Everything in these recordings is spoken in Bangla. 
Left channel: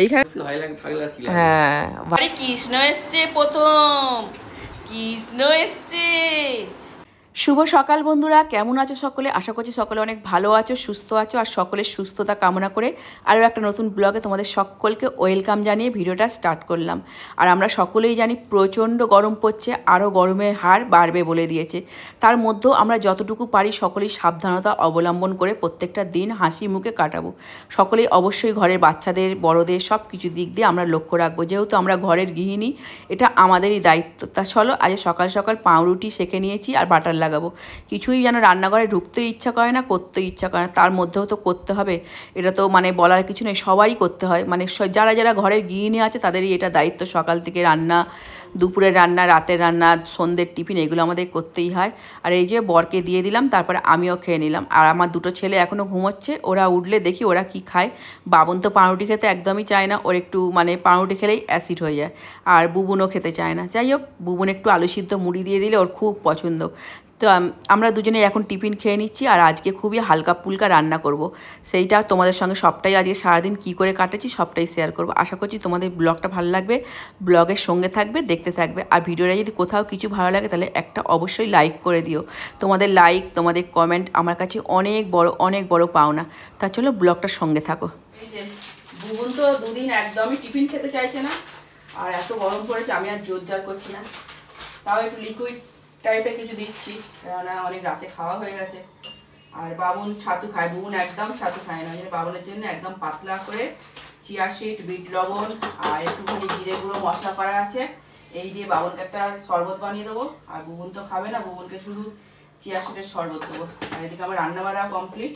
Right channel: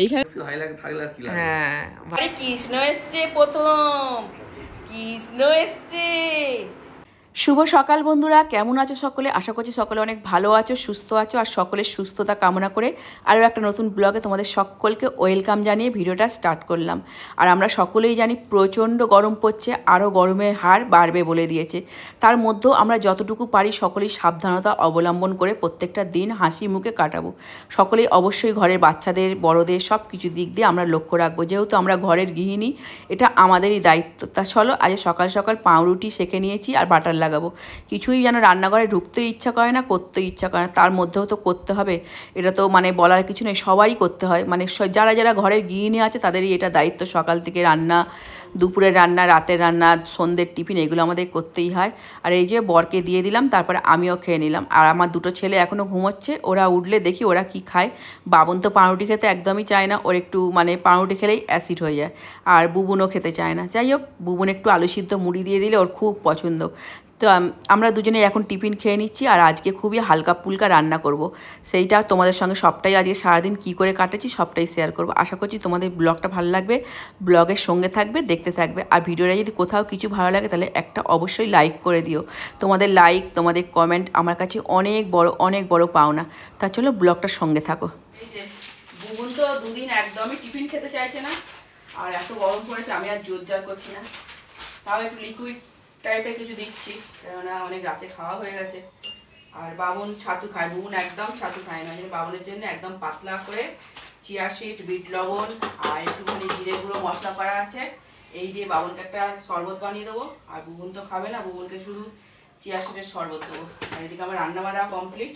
এইখানে হ্যাঁ কৃষ্ণ এসছে, প্রথম কৃষ্ণ এসছে। শুভ সকাল বন্ধুরা, কেমন আছো সকলে? আশা করছি সকলে অনেক ভালো আছো, সুস্থ আছো, আর সকলের সুস্থতা কামনা করে আরও একটা নতুন ব্লগে তোমাদের সকলকে ওয়েলকাম জানিয়ে ভিডিওটা স্টার্ট করলাম। আর আমরা সকলেই জানি প্রচণ্ড গরম পড়ছে, আরও গরমের হার বাড়বে বলে দিয়েছে। তার মধ্যেও আমরা যতটুকু পারি সকলেই সাবধানতা অবলম্বন করে প্রত্যেকটা দিন হাসি মুখে কাটাবো। সকলেই অবশ্যই ঘরের বাচ্চাদের, বড়দের সব কিছু দিক দিয়ে আমরা লক্ষ্য রাখবো। যেহেতু আমরা ঘরের গৃহিণী, এটা আমাদেরই দায়িত্ব। তা চলো, আজ সকাল সকাল পাউরুটি সেঁকে নিয়েছি আর বাটার লাগাবো। কিছুই যেন রান্নাঘরে ঢুকতে ইচ্ছা করে না, করতে ইচ্ছা করে না, তার মধ্যেও তো করতে হবে। এটা তো মানে বলার কিছু নেই, সবারই করতে হয়। মানে যারা যারা ঘরের গৃহিণী আছে তাদেরই এটা দায়িত্ব। সকাল থেকে রান্না, দুপুরের রান্না, রাতের রান্না, সন্ধ্যের টিফিন, এগুলো আমাদের করতেই হয়। আর এই যে বরকে দিয়ে দিলাম, তারপরে আমিও খেয়ে নিলাম। আর আমার দুটো ছেলে এখনও ঘুমোচ্ছে, ওরা উঠলে দেখি ওরা কি খায়। বাবন তো পাউরুটি খেতে একদমই চায় না, ওর একটু মানে পাউরুটি খেলেই অ্যাসিড হয়ে যায়। আর বুবুনও খেতে চায় না। যাই হোক, বুবুন একটু আলু সিদ্ধ মুড়ি দিয়ে দিলে ওর খুব পছন্দ। তো আমরা দুজনে এখন টিফিন খেয়ে নিচ্ছি। আর আজকে খুবই হালকা ফুলকা রান্না করব। সেইটা তোমাদের সঙ্গে সবটাই আজকে সারাদিন কী করে কাটেছি সবটাই শেয়ার করব। আশা করছি তোমাদের ব্লগটা ভালো লাগবে, ব্লগের সঙ্গে থাকবে, দেখতে থাকবে। আর ভিডিওটা যদি কোথাও কিছু ভালো লাগে তাহলে একটা অবশ্যই লাইক করে দিও। তোমাদের লাইক, তোমাদের কমেন্ট আমার কাছে অনেক বড় পাওনা। তা চলো ব্লগটার সঙ্গে থাকো। এই যে বুবুন তো দুদিন একদমই টিফিন খেতে চাইছে না, আর এত গরম পড়েছে আমি আর জোর জার করছি না। তাও একটু লিকুইড টাইপের কিছু দিচ্ছি, কেননা অনেক রাতে খাওয়া হয়ে গেছে। আর বাবন ছাতু খায়, বুবুন একদম ছাতু খায় না। বাবনের জন্য একদম পাতলা করে চিয়া সিড, বিট লবণ আর একটুখানি জিরে গুঁড়ো মশলা করা আছে, এই দিয়ে বাবনকে একটা শরবত বানিয়ে দেবো। আর বুবুন তো খাবে না, বুবুনকে শুধু চিয়া সিডের শরবত দেবো। আর এদিকে আমার রান্না বাড়া কমপ্লিট।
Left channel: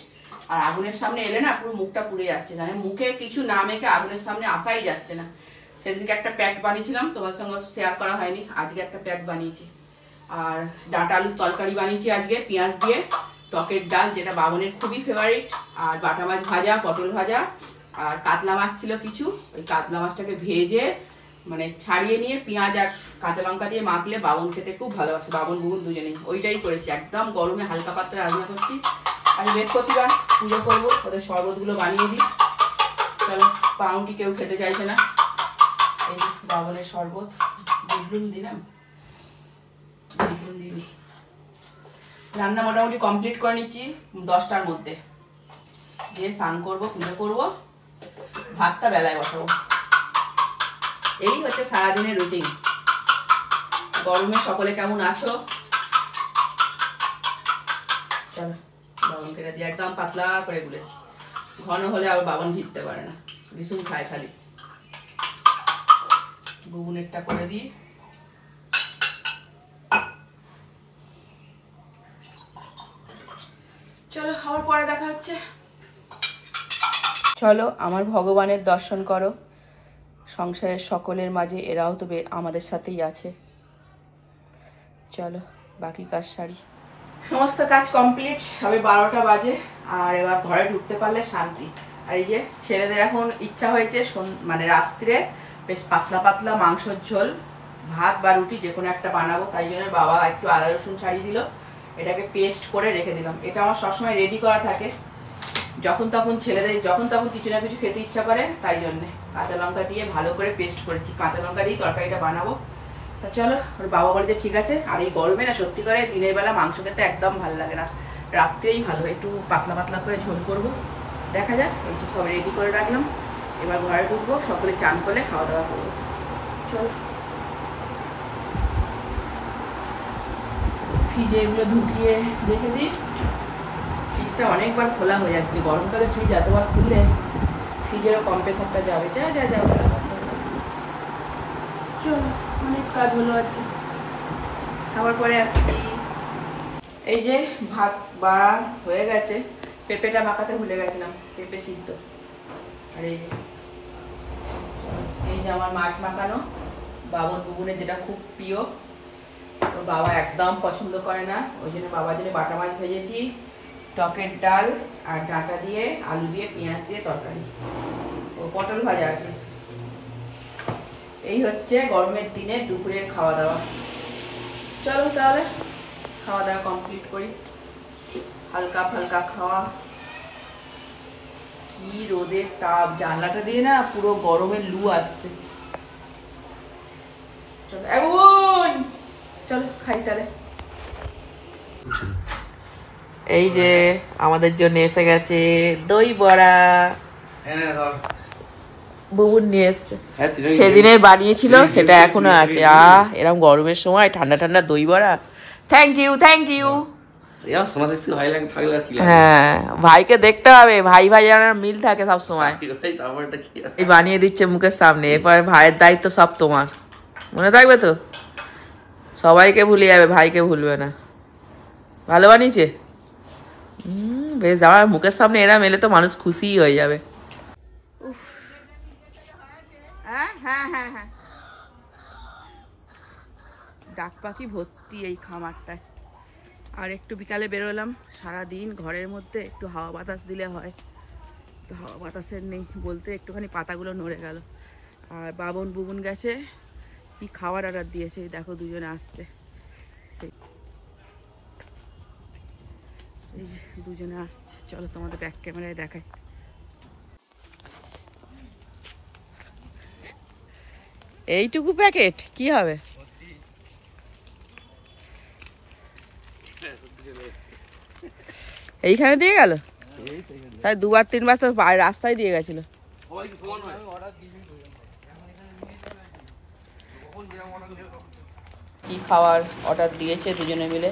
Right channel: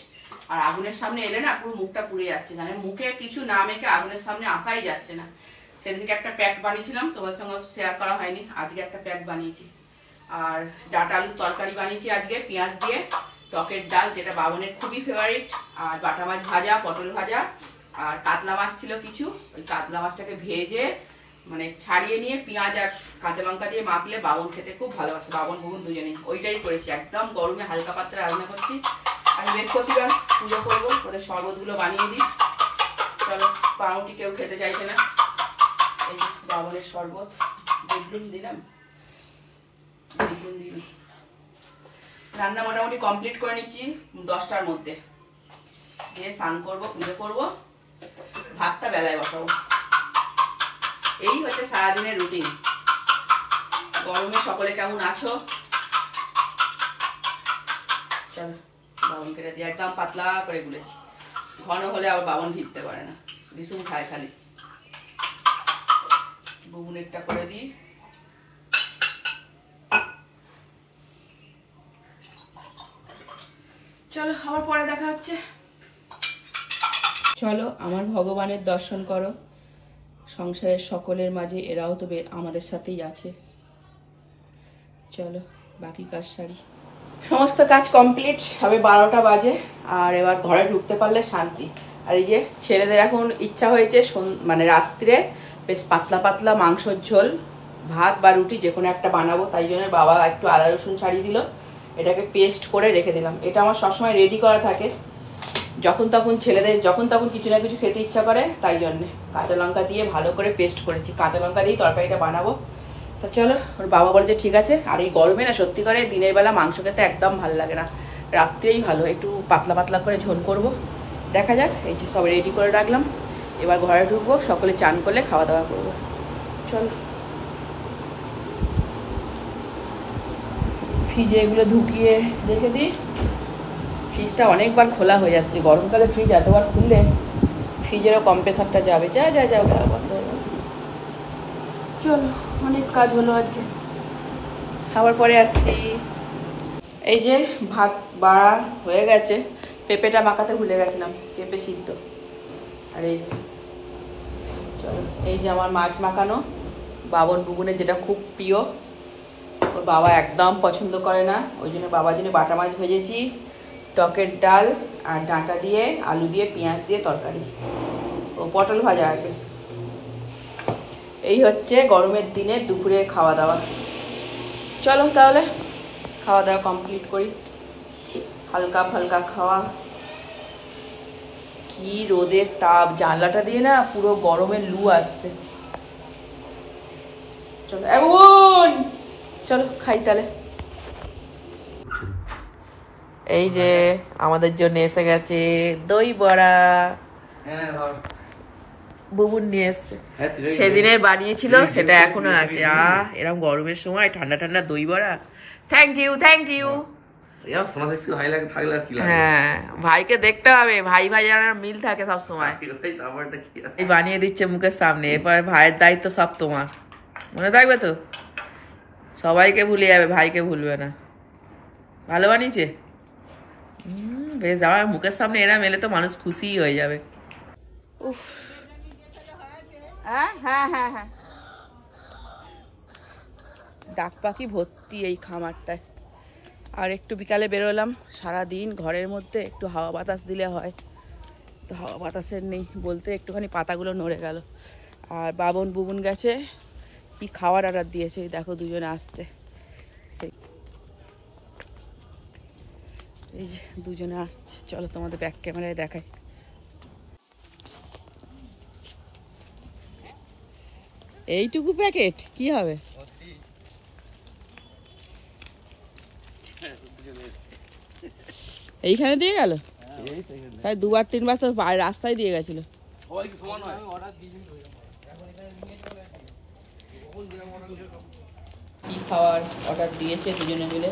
আর আগুনের সামনে এলে না পুরো মুখটা পুড়ে যাচ্ছে, মানে মুখে কিছু না মেখে আগুনের সামনে আসাই যাচ্ছে না। সেদিনকে একটা প্যাক বানিয়েছিলাম, তোমার সঙ্গে শেয়ার করা হয়নি, আজকে একটা প্যাক বানিয়েছি। আর ডাঁটা আলুর তরকারি বানিয়েছি আজকে পেঁয়াজ দিয়ে, টকের ডাল যেটা বাবনের খুবই ফেভারিট, আর বাটা মাছ ভাজা, পটল ভাজা, আর কাতলা মাছ ছিল কিছু। ওই কাতলা মাছটাকে ভেজে মানে ছাড়িয়ে নিয়ে পেঁয়াজ আর কাঁচা লঙ্কা দিয়ে মাখলে বাবন খেতে খুব ভালোবাসে, বাবন বুবুন দুজনেই। ওইটাই করেছি, একদম গরমে হালকা পাতলা রান্না করছি। আজ বৃহস্পতিবার, পুজো করবো, ওদের শরবতগুলো বানিয়ে দিই। চলো, পাউরুটি কেউ খেতে চাইছে না, এই বাবনের শরবত বুঝলুম দিলাম। রান্না মোটামুটি কমপ্লিট করে নিচ্ছি 10টার মধ্যে, দিয়ে স্নান করবো, পুজো করবো, ভাতটা বেলায় বসাবো। এই হচ্ছে সারাদিনের রুটিন। গরমে সকলে কেমন আছো? চলো, বাবনকে দিয়ে একদম পাতলা করে গুলেছি। ঘন হলে আবার বাবন ভিজতে পারে না, ভীষণ খায় খালি। বুবুনেরটা করে দিই। চলো, আবার পরে দেখা হচ্ছে। চলো, আমার ভগবানের দর্শন করো। সংসারের সকলের মাঝে এরাও তো আমাদের সাথেই আছে। চলো, বাকি কাজ সারি। সমস্ত কাজ কমপ্লিট, সবে 12টা বাজে। আর এবার ঘরে ঢুকতে পারলে শান্তি। আর এই যে ছেলেদের এখন ইচ্ছা হয়েছে মানে রাত্রে বেশ পাতলা পাতলা মাংসর ঝোল, ভাত বা রুটি যে কোনো একটা বানাবো। তাই জন্য বাবা একটু আদা রসুন ছাড়িয়ে দিল, এটাকে পেস্ট করে রেখে দিলাম। এটা আমার সবসময় রেডি করা থাকে, যখন তখন ছেলেদের যখন তখন কিছু না কিছু খেতে ইচ্ছা করে। তাই জন্যে কাঁচা লঙ্কা দিয়ে ভালো করে পেস্ট করেছি, কাঁচা লঙ্কা দিয়েই তরকারিটা বানাবো। তা চলো, ওর বাবা বলে যে ঠিক আছে। আর এই গরমে না সত্যি করে দিনের বেলা মাংস খেতে একদম ভালো লাগে না, রাত্রেই ভালো, একটু পাতলা পাতলা করে ঝোল করব। দেখা যাক, এই যে সব রেডি করে রাখলাম। এবার ঘরে ঢুকবো, সকলে চান করলে খাওয়া দাওয়া করবো। চলো, ফ্রিজে এগুলো ঢুকিয়ে রেখে দিই। ফ্রিজটা অনেকবার খোলা হয়ে যাচ্ছে, গরমকালে ফ্রিজ এতবার খুললে ফ্রিজেরও কম্প্রেসারটা যাবে। যাবে। চলো, অনেক কাজ হলো আজকে, খাবার পরে আসছি। এই যে ভাত বাড়া হয়ে গেছে, পেঁপেটা মাখাতে ভুলে গেছিলাম, পেঁপে সিদ্ধ। আর এই যে আমার মাছ মাখানো, বাবন বুবুনের যেটা খুব প্রিয়, ওর বাবা একদম পছন্দ করে না, ওই জন্য বাবার জন্য বাটা মাছ ভেজেছি, টকের ডাল আর ডাঁটা দিয়ে, আলু দিয়ে, পেঁয়াজ দিয়ে তরকারি, ও পটল ভাজা আছে। এই হচ্ছে গরমের দিনে দুপুরের খাওয়া দাওয়া। চলো তাহলে খাওয়া দাওয়া কমপ্লিট করি, হালকা ফালকা খাওয়া। কি রোদের তাপ, জানলাটা দিয়ে না পুরো গরমের লু আসছে। চলো এখন চলো খাই তাহলে। এই যে আমাদের জন্য এসে গেছে দই বড়া, বুবুন নিয়ে এসছে, সেদিনে বানিয়েছিল সেটা এখনো আছে। এরকম গরমের সময় ঠান্ডা ঠান্ডা দই বড়া, থ্যাংক ইউ থ্যাংক ইউ। হ্যাঁ ভাইকে দেখতে হবে, ভাই ভাই আমার মিল থাকে সব সময়। এই বানিয়ে দিচ্ছে মুখের সামনে, এরপরে ভাইয়ের দায়িত্ব সব তোমার, মনে থাকবে তো? সবাইকে ভুলে যাবে, ভাইকে ভুলবে না। ভালো বানিয়েছে? বেশ, আমার মুখের সামনে এরা মেলে তো মানুষ খুশিই হয়ে যাবে। উফ, হ্যাঁ হ্যাঁ হ্যাঁ হ্যাঁ, ডাক পাখি ভর্তি এই খামারটায়। আর একটু বিকালে বেরোলাম, সারাদিন ঘরের মধ্যে একটু হাওয়া বাতাস দিলে হয়, তো হাওয়া বাতাসের নেই বলতে একটুখানি পাতাগুলো নড়ে গেল। আর বাবন বুবুন গেছে, কি খাওয়ার অর্ডার দিয়েছে দেখো, দুজনে আসছে। সেই এই যে দুজনে আসছে, চলো তোমাদের ব্যাক ক্যামেরায় দেখাই। এইটুকু প্যাকেট কি হবে? এইখানে দিয়ে গেল, তাই দুবার তিনবার তো রাস্তায় দিয়ে গেছিল। কি খাওয়ার অর্ডার দিয়েছে দুজনে মিলে,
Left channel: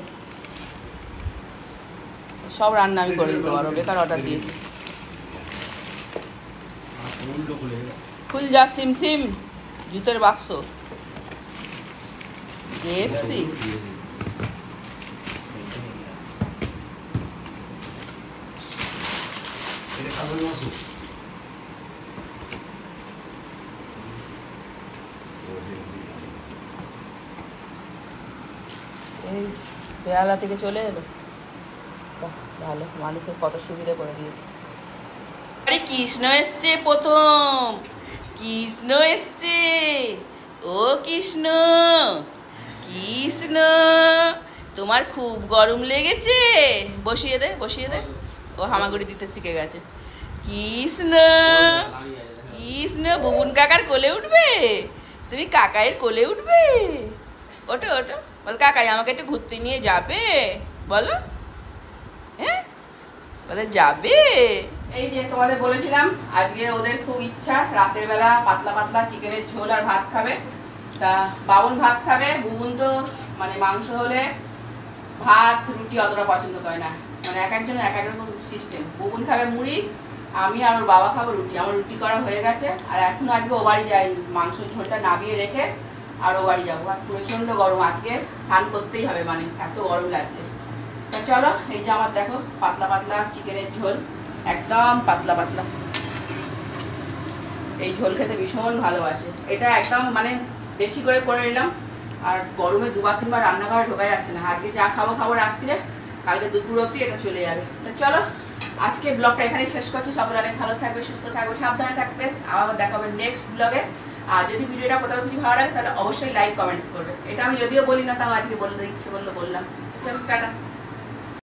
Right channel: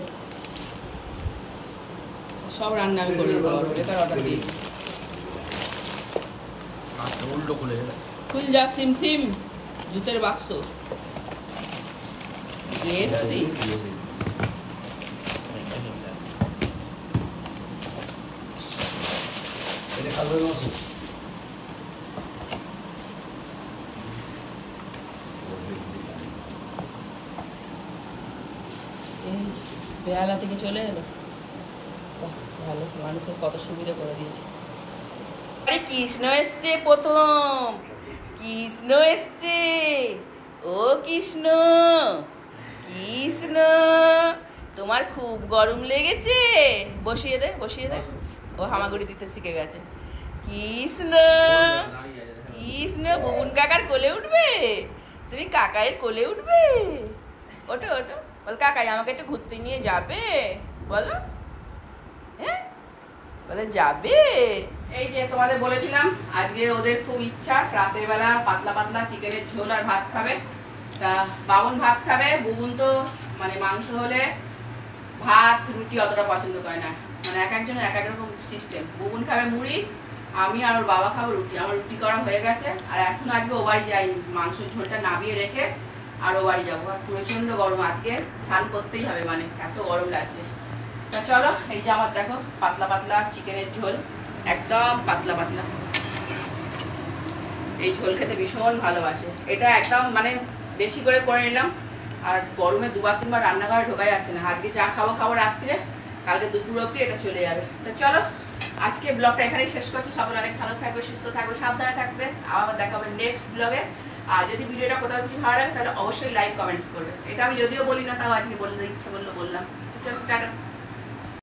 সব রান্না আমি করে দিতে পারবো, বেকার অর্ডার দিয়েছি। ফুল যা সিম সিম, জুতের বাক্স, KFC, এই বেহালা থেকে চলে এলো। ভালো, মানুষের কত সুবিধা করে দিয়েছে। আরে কৃষ্ণ এসছে প্রথম, কৃষ্ণ এসছে, ও কৃষ্ণ কৃষ্ণ, তোমার খুব গরম লেগেছে? বসিয়ে দে বসিয়ে দে, ও হামাগুড়ি দিতে শিখে গেছে। কৃষ্ণ কৃষ্ণ, বুবুন কাকার কোলে উঠবে? তুমি কাকাইয়ের কোলে উঠবে? ওটো ওটো, বল কাকাই আমাকে একটু ঘুরতে নিয়ে যাবে, বলো। হ্যাঁ বলে যাবে। এই যে তোমাদের বলেছিলাম আজকে ওদের খুব ইচ্ছা রাতের বেলা পাতলা পাতলা চিকেনের ঝোল আর ভাত খাবে। তা বাবন ভাত খাবে, বুবুন তো মানে মাংস হলে ভাত রুটি অতটা পছন্দ করে না, মানে এক একজন এক এক রকম সিস্টেম। বুবুন খাবে মুড়ি, আমি আর ওর বাবা খাবো রুটি। আমার রুটি করা হয়ে গেছে, আর এখনো আজকে ও বাড়ি যাইনি, মাংস ঝোলটা নামিয়ে রেখে আর ও বাড়ি যাবো। আর প্রচন্ড গরম, আজকে স্নান করতেই হবে, মানে এত গরম লাগছে। তো চলো, এই যে আমার দেখো পাতলা পাতলা চিকেনের ঝোল, একদম পাতলা পাতলা। এই ঝোল খেতে ভীষণ ভালোবাসে, এটা একদম মানে বেশি করে নিলাম। আর গরমে দুবার তিনবার রান্নাঘরে ঢোকা যাচ্ছে না, আজকে যা খাবো খাবো রাত্রে, কালকে দুপুর অবধি এটা চলে যাবে। তো চলো আজকে ব্লগটা এখানেই শেষ করছি। সকলে অনেক ভালো থাকবে, সুস্থ থাকবে, সাবধানে থাকবে। আবার দেখাবে নেক্সট ব্লগে। আর যদি ভিডিওটা কোথাও কিছু ভালো লাগে তাহলে অবশ্যই লাইক কমেন্টস করবে। এটা আমি যদিও বলি না, তাও আজকে বলতে ইচ্ছে করলো বললাম। চলো টাটা।